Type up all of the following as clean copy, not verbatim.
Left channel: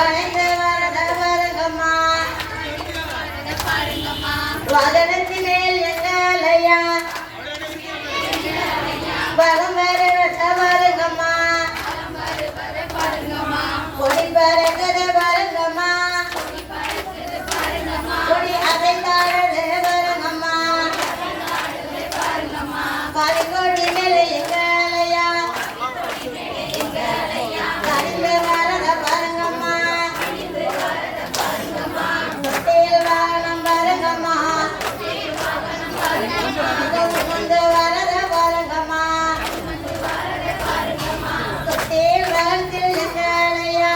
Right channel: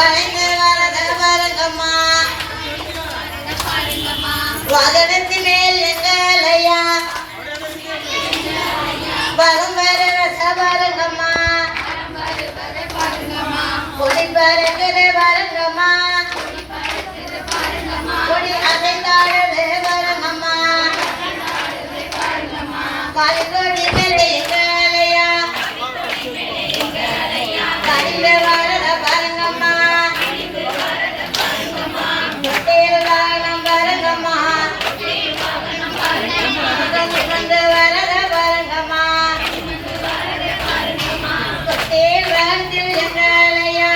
வளைந்து வரத பாருங்கம்மா வாகனத்து மேல் எங்களையா வரும் வரத பாருங்கம்மா கொடி பறக்குது பாருங்கம்மா கொடி அசைந்தாடுது பாருங்கம்மா காலிக்கொடி மேலே எங்களையா கணிந்து வரத பாருங்கம்மா முட்டையில் வாகனம் பாருங்கம்மா நிமிர்ந்து வரத பாருங்கம்மா தொட்டில் வளர்த்தில் எங்களையா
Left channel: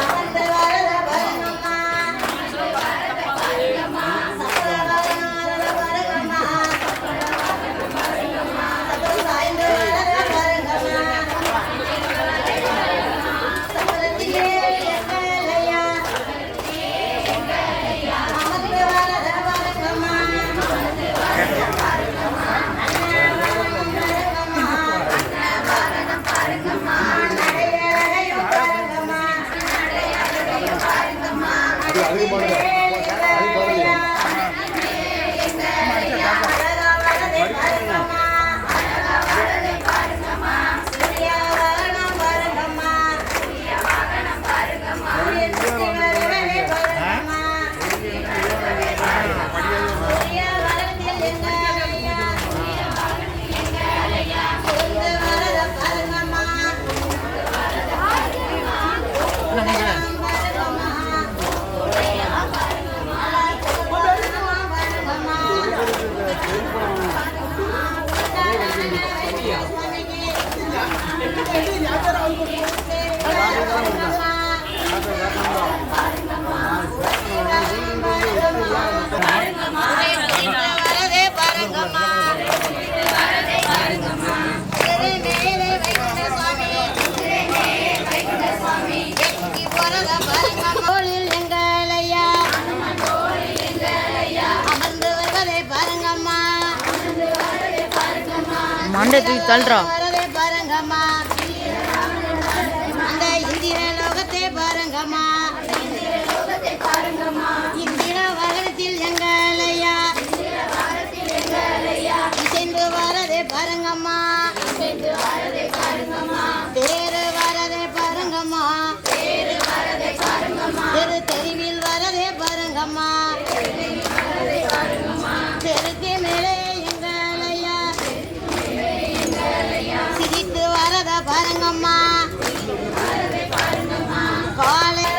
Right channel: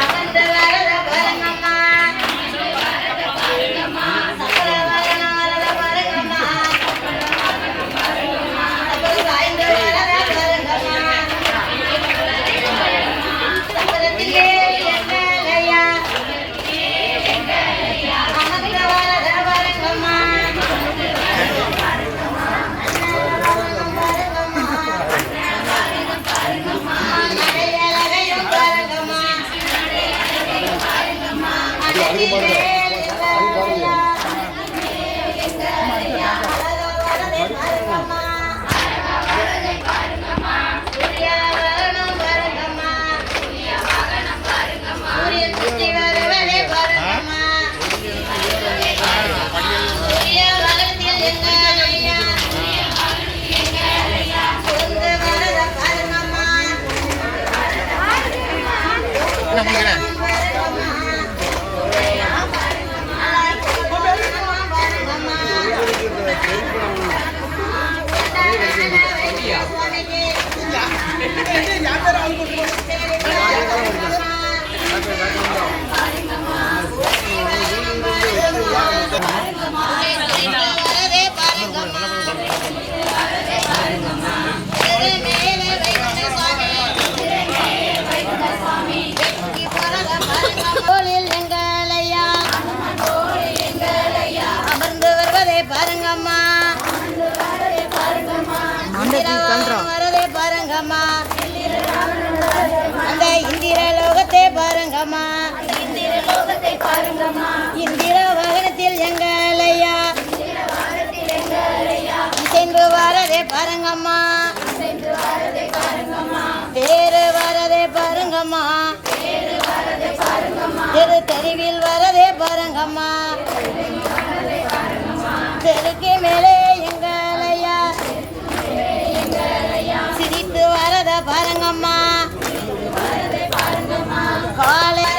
அகந்து வரத பாருங்கம்மா சக்கர வரனாரத பாருங்கம்மா சாய்ந்து வரத பாருங்கம்மா சக்கரத்திலே எங்களையா அமர்ந்து வரத பாருங்கம்மா நடையழகையும் பாருங்கம்மா வரதே பாருங்கம்மா மேலே வைத்த சுவாமி வெற்றி போறத பாருங்கம்மா தோளில் எங்களையா அமர்ந்து வருவதே பாருங்கம்மா வரதே பாருங்கம்மா அந்த இந்திர லோகத்தை பாருங்கம்மா இந்திர வாகனத்தில் எங்களையா இசைந்து வரதே பாருங்கம்மா பேரு வரதே பாருங்கம்மா தெரு தெருவில் வரதே பாருங்கம்மா தெருக்கு மேலே எங்களையா சிரித்து வரத பாருங்கம்மா காலை